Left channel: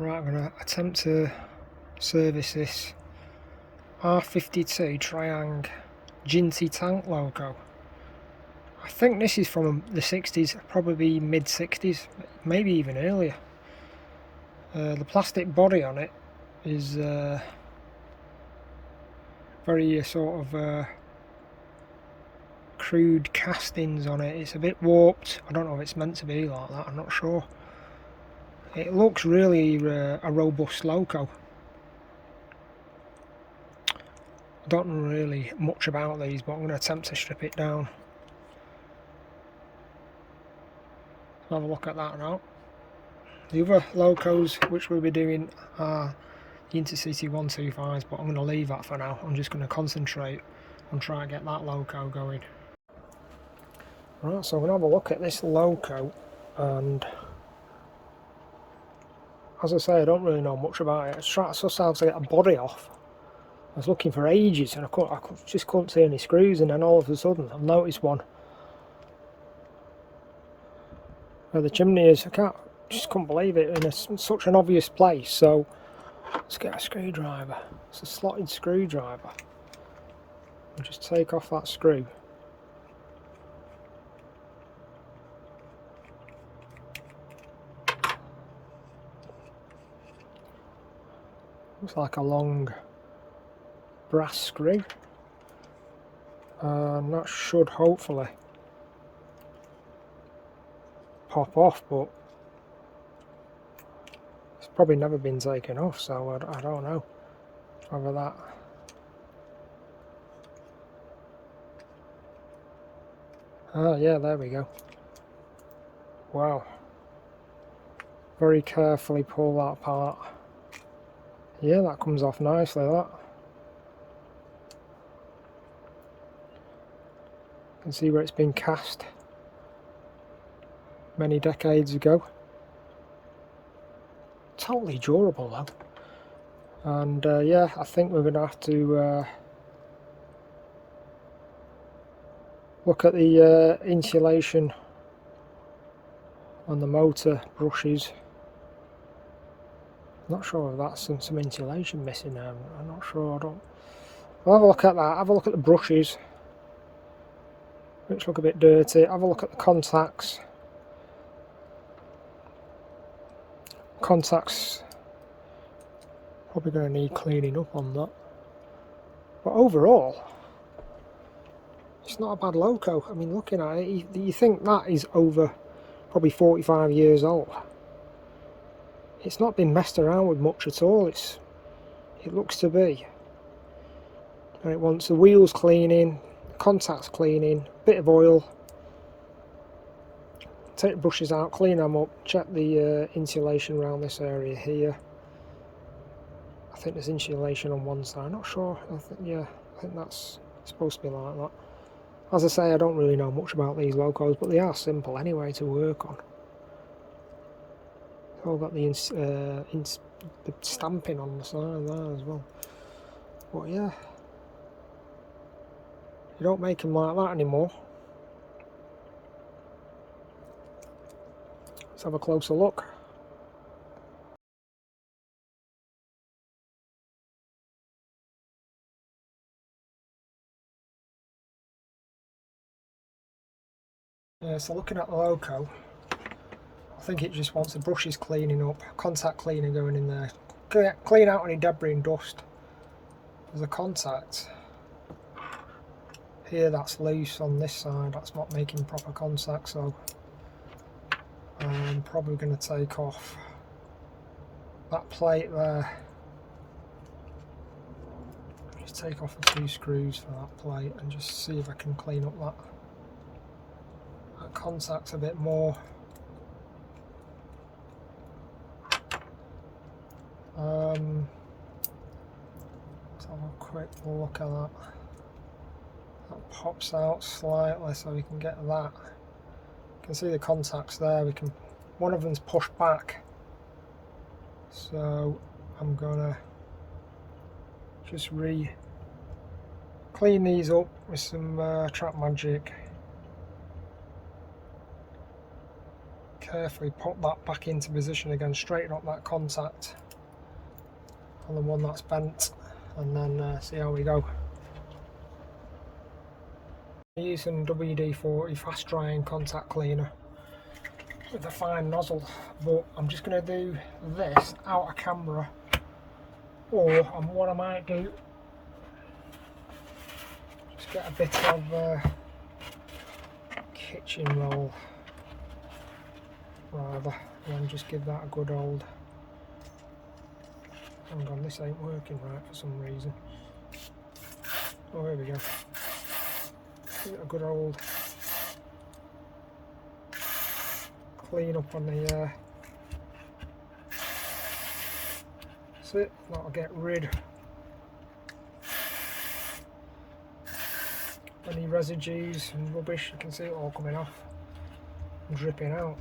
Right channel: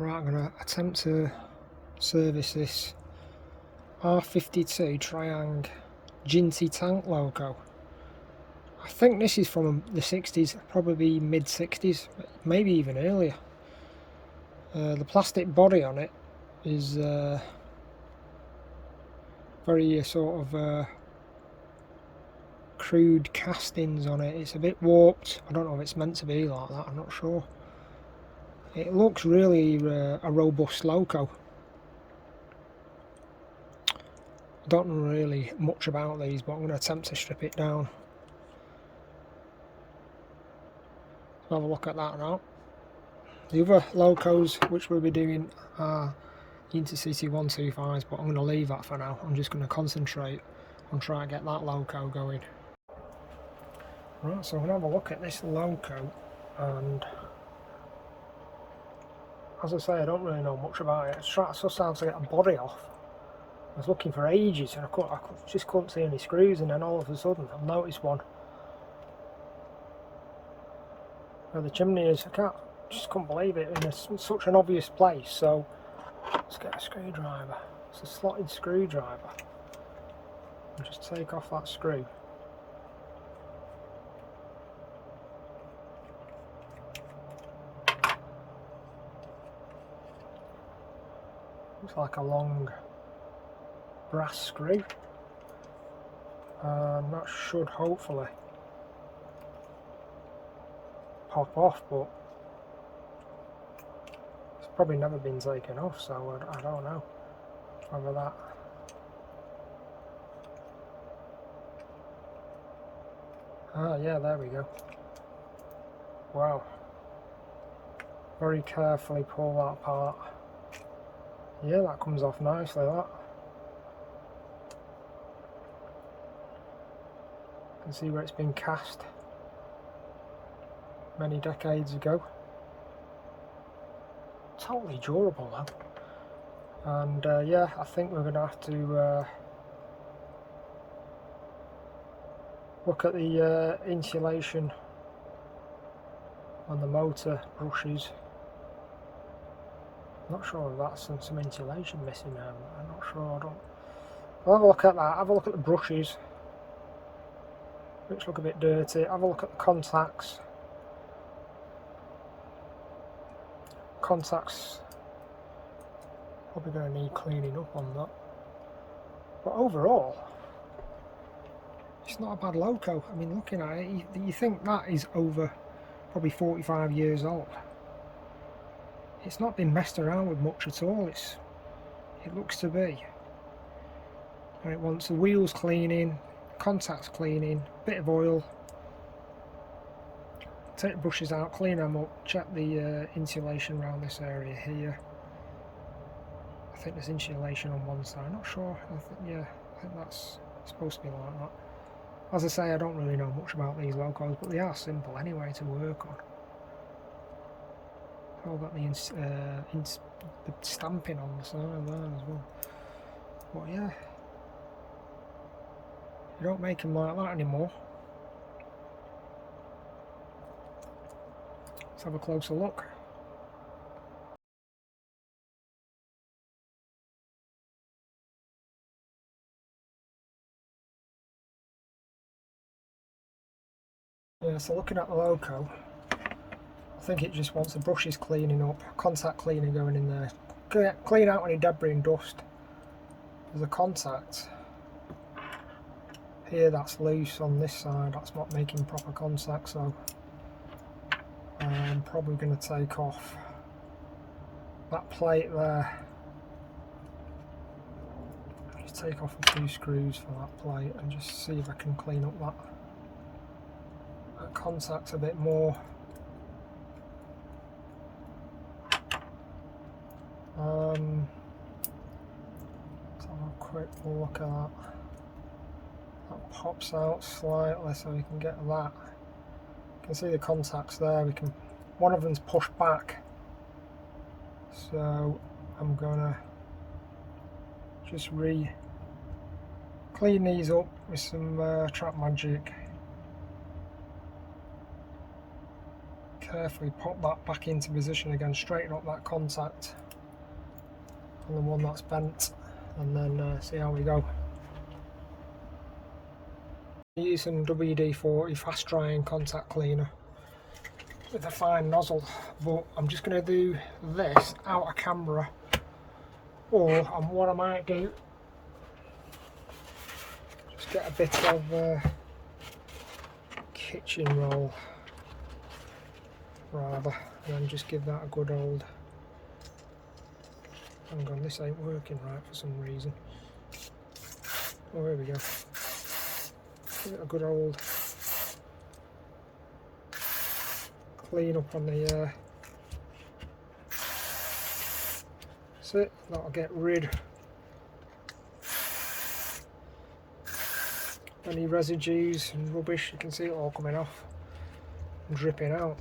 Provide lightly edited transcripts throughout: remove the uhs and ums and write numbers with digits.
Right, I'm going to attempt to service this R52 Triang Jinty Tank loco. I think this is from the 60s, probably mid 60s, maybe even earlier. The plastic body on it is very sort of crude castings on it. It's a bit warped. I don't know if it's meant to be like that, I'm not sure. It looks really a robust loco. I don't know really much about these, but I'm going to attempt to strip it down. So have a look at that now. The other locos which we'll be doing are the Intercity 125s, but I'm going to leave that for now. I'm just going to concentrate on trying to get that loco going. Right, so I'm going to have a look at this loco, and as I say, I don't really know much about it. I was trying to suss out to get a body off. I was looking for ages and I just couldn't see any screws, and then all of a sudden I've noticed one where the chimney is. Just couldn't believe it, in such an obvious place. So let's get a screwdriver. It's a slotted screwdriver. And just take off that screw. Looks like a long brass screw, and that should hopefully pop off, but it's probably never been taken off, so I don't know whether that. Oh yeah, there we go. Wow. Very carefully pull that apart. Yeah, that comes off nicely, that. You can see where it's been cast many decades ago. Totally durable though. And yeah, I think we're going to have to look at the insulation on the motor brushes. Not sure if that's some insulation missing there. I'm not sure. We'll have a look at that. Have a look at the brushes, which look a bit dirty. Have a look at the contacts. Contacts probably going to need cleaning up on that. But overall, it's not a bad loco. I mean, looking at it, you think that is over probably 45 years old. It's not been messed around with much at all. It looks to be. And it wants the wheels cleaning, contacts cleaning, bit of oil. Take the brushes out, clean them up, check the insulation around this area here. I think there's insulation on one side, not sure. I think that's supposed to be like that. As I say, I don't really know much about these locos, but they are simple anyway to work on. All got the stamping on the side there as well. But yeah, you don't make them like that anymore. Let's have a closer look. Yeah, so looking at the loco, I think it just wants the brushes cleaning up, contact cleaner going in there, clean out any debris and dust. There's a contact here that's loose on this side, that's not making proper contact, so I'm probably going to take off that plate there. Just take off the 2 screws for that plate and just see if I can clean up that contact a bit more. Let's have a quick look at that. That pops out slightly, so we can get that. You can see the contacts there. One of them's pushed back, so I'm gonna just clean these up with some Trap Magic carefully pop that back into position again, straighten up that contact on the one that's bent, and then see how we go. Using WD-40 fast drying contact cleaner with a fine nozzle, but I'm just going to do this out of camera, or and what I might do, just get a bit of kitchen roll rather, and then just give that a good old, hang on, this ain't working right for some reason. Oh, here we go. Give it a good old clean up on the that's it, that'll get rid any residues and rubbish. You can see it all coming off and dripping out.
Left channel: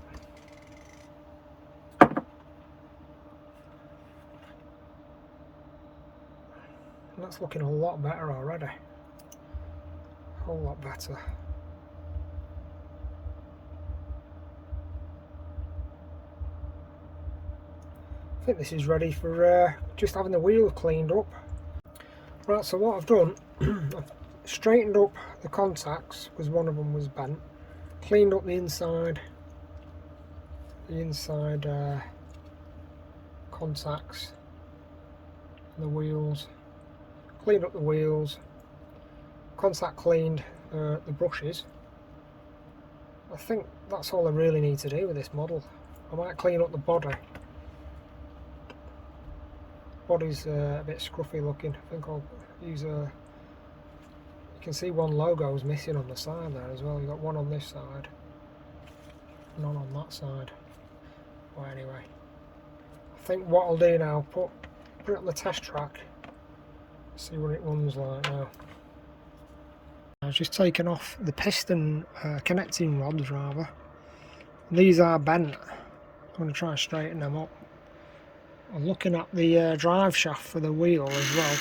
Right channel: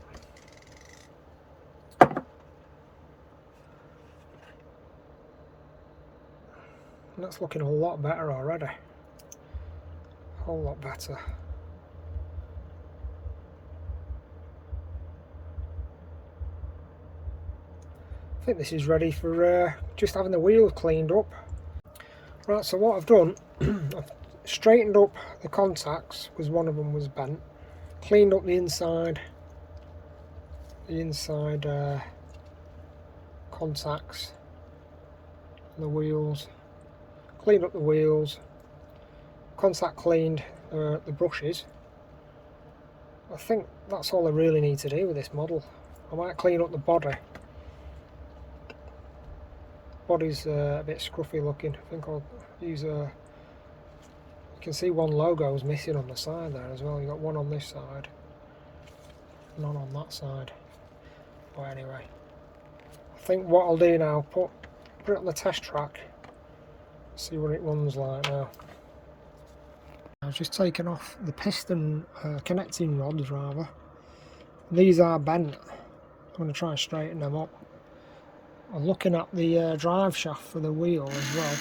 And that's looking a lot better already, a whole lot better. I think this is ready for just having the wheels cleaned up. Right, so what I've done, I've straightened up the contacts because one of them was bent, cleaned up the inside contacts and the wheels, cleaned up the wheels, contact cleaned the brushes. I think that's all I really need to do with this model. I might clean up the body. Body's a bit scruffy looking. I think I'll use a, you can see one logo is missing on the side there as well. You've got one on this side, none on that side. Well, anyway, I think what I'll do now, put it on the test track, see what it runs like now. I've just taken off the piston connecting rods rather. These are bent. I'm going to try and straighten them up. I'm looking at the drive shaft for the wheel as well.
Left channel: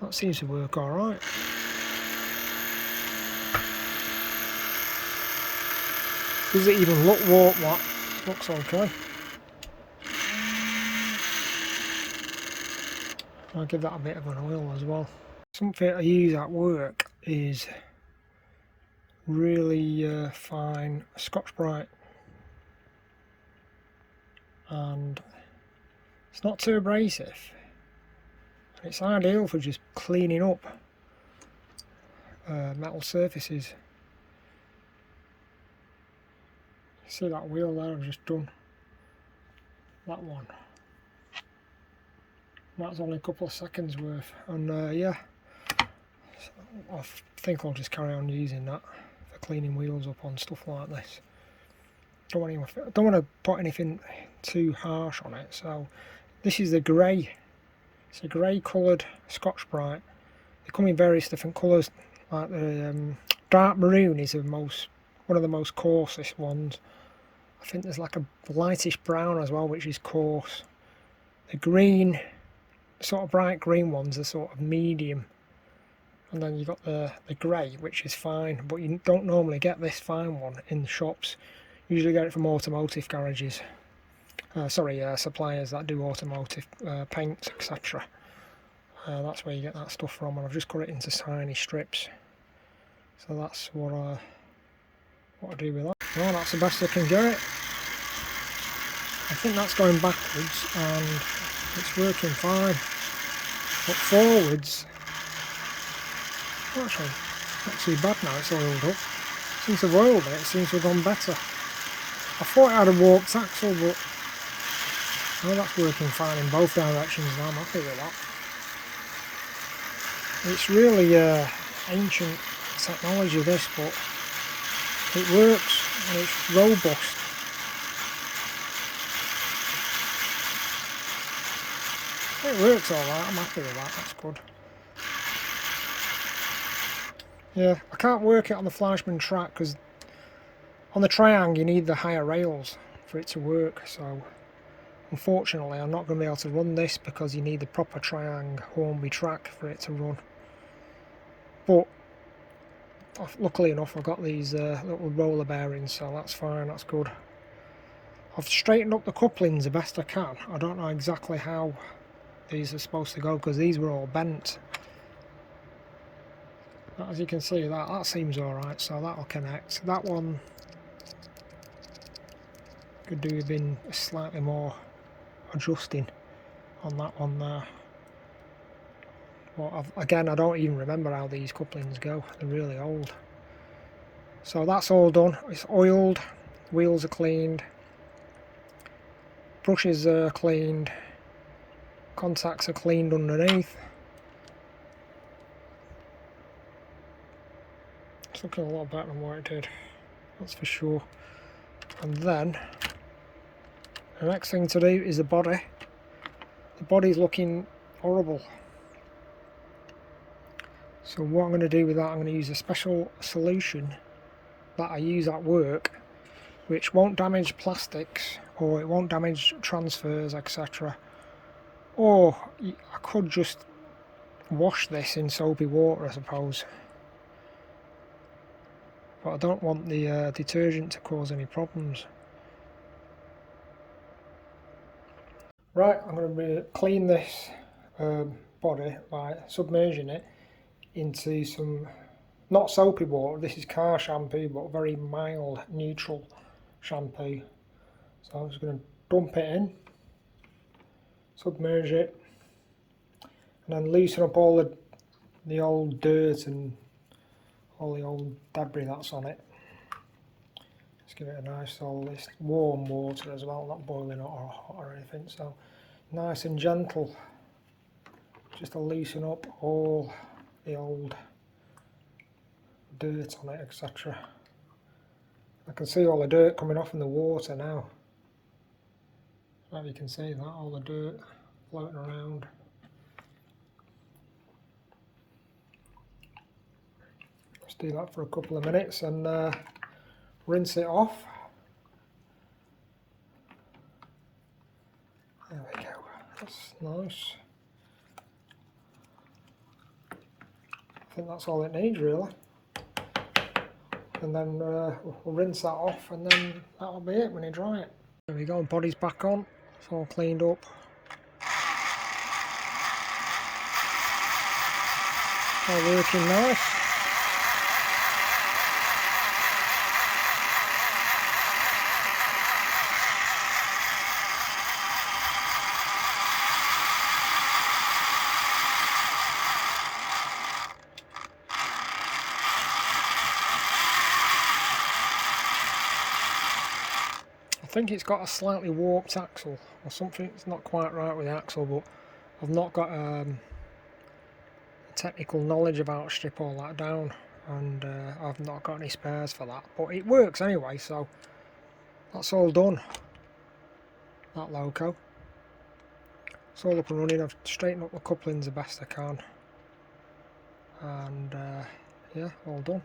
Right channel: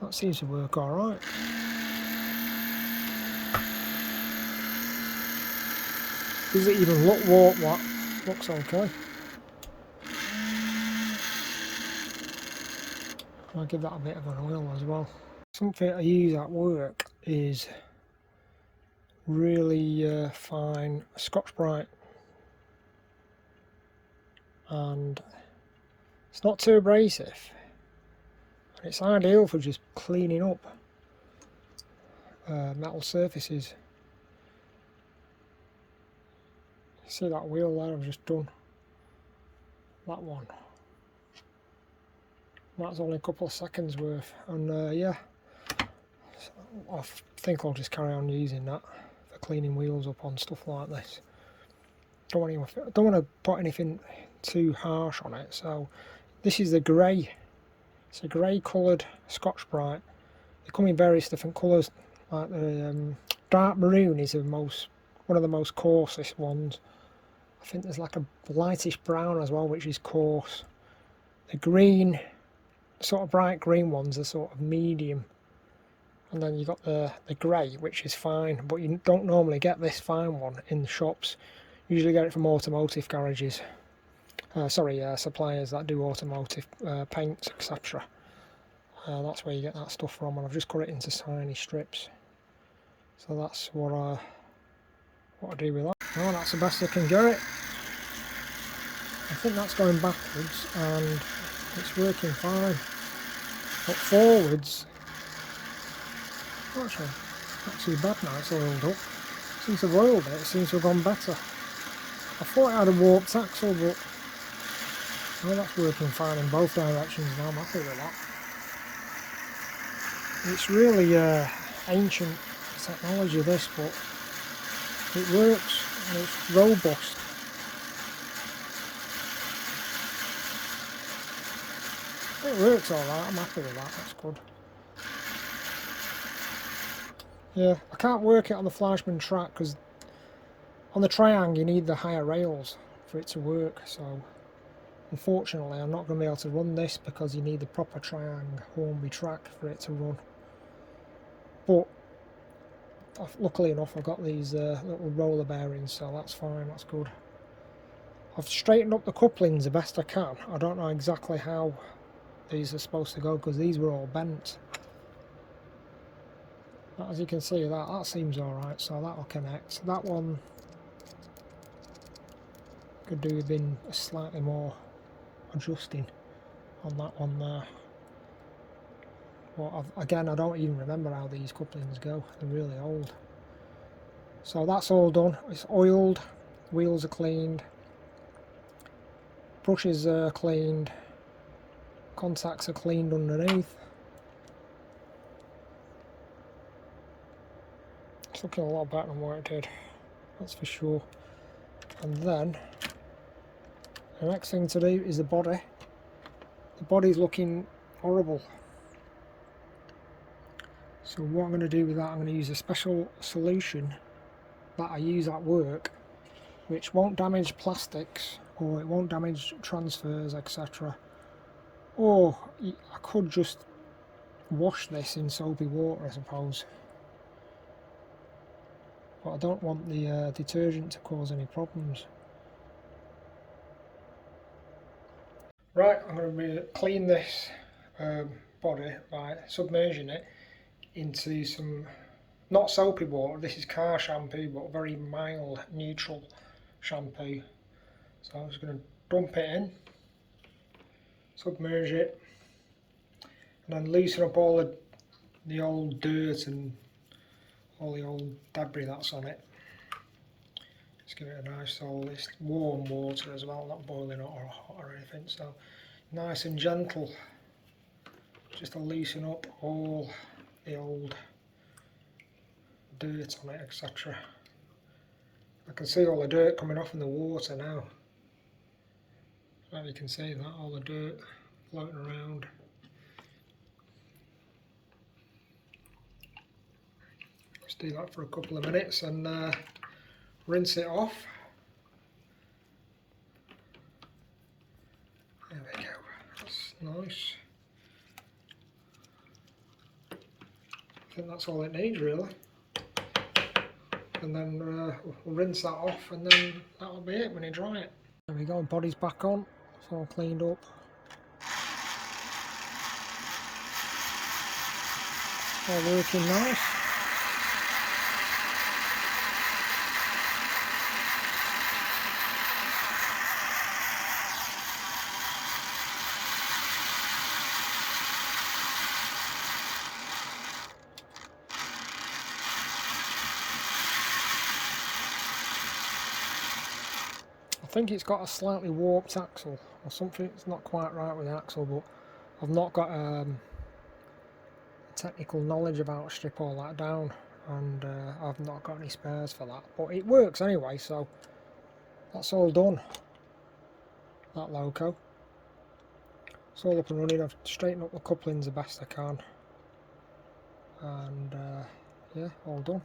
That seems to work alright. Does it even look warped? That looks okay. I'll give that a bit of an oil as well. Something I use at work is really fine Scotch-Brite, and it's not too abrasive. It's ideal for just cleaning up metal surfaces. See that wheel there I've just done? That one. That's only a couple of seconds worth, and yeah, I think I'll just carry on using that for cleaning wheels up on stuff like this. Don't want to put anything too harsh on it. So this is the grey. It's a grey coloured Scotch-Brite. They come in various different colours. Like the dark maroon is one of the most coarsest ones. I think there's like a lightish brown as well, which is coarse. The green, sort of bright green ones are sort of medium. And then you've got the grey, which is fine, but you don't normally get this fine one in the shops. You usually get it from automotive garages. Suppliers that do automotive paints, etc. That's where you get that stuff from, and I've just cut it into tiny strips. So that's what I do with that. Well, that's the best I can get it. I think that's going backwards, and it's working fine. But forwards, actually, not too bad now. It's oiled up. Since I've oiled it, it seems to have gone better. I thought it had a warped axle, but well, that's working fine in both directions now. I'm happy with that. It's really ancient technology, this, but it works and it's robust. It works alright, I'm happy with that, that's good. Yeah, I can't work it on the Fleischmann track because on the Triang you need the higher rails for it to work, so unfortunately I'm not going to be able to run this because you need the proper Triang Hornby track for it to run. But luckily enough I've got these little roller bearings, so that's fine, that's good. I've straightened up the couplings the best I can. I don't know exactly how these are supposed to go because these were all bent. But as you can see, that seems alright, so that'll connect. That one could do with being slightly more adjusting on that one there. But again, I don't even remember how these couplings go. They're really old. So that's all done. It's oiled, wheels are cleaned, brushes are cleaned, contacts are cleaned underneath. It's looking a lot better than what it did, that's for sure. And then the next thing to do is the body. The body's looking horrible. So what I'm going to do with that, I'm going to use a special solution that I use at work, which won't damage plastics or it won't damage transfers, etc. Or I could just wash this in soapy water, I suppose. But I don't want the detergent to cause any problems. Right, I'm going to clean this body by submerging it into some, not soapy water, this is car shampoo, but very mild, neutral shampoo. So I'm just going to dump it in, submerge it, and then loosen up all the old dirt and all the old debris that's on it. Just give it a nice old, it's warm water as well, not boiling hot or anything, so nice and gentle, just to loosen up all the old dirt on it, etc. I can see all the dirt coming off in the water now. You can see that, all the dirt floating around. Just do that for a couple of minutes and rinse it off. There we go, that's nice. I think that's all it needs really. And then we'll rinse that off and then that'll be it when you dry it. There we go, body's back on, it's all cleaned up. All working nice. I think it's got a slightly warped axle or something. It's not quite right with the axle, but I've not got technical knowledge about strip all that down, and I've not got any spares for that, but it works anyway, so that's all done. That loco, it's all up and running. I've straightened up the couplings the best I can, and yeah, all done.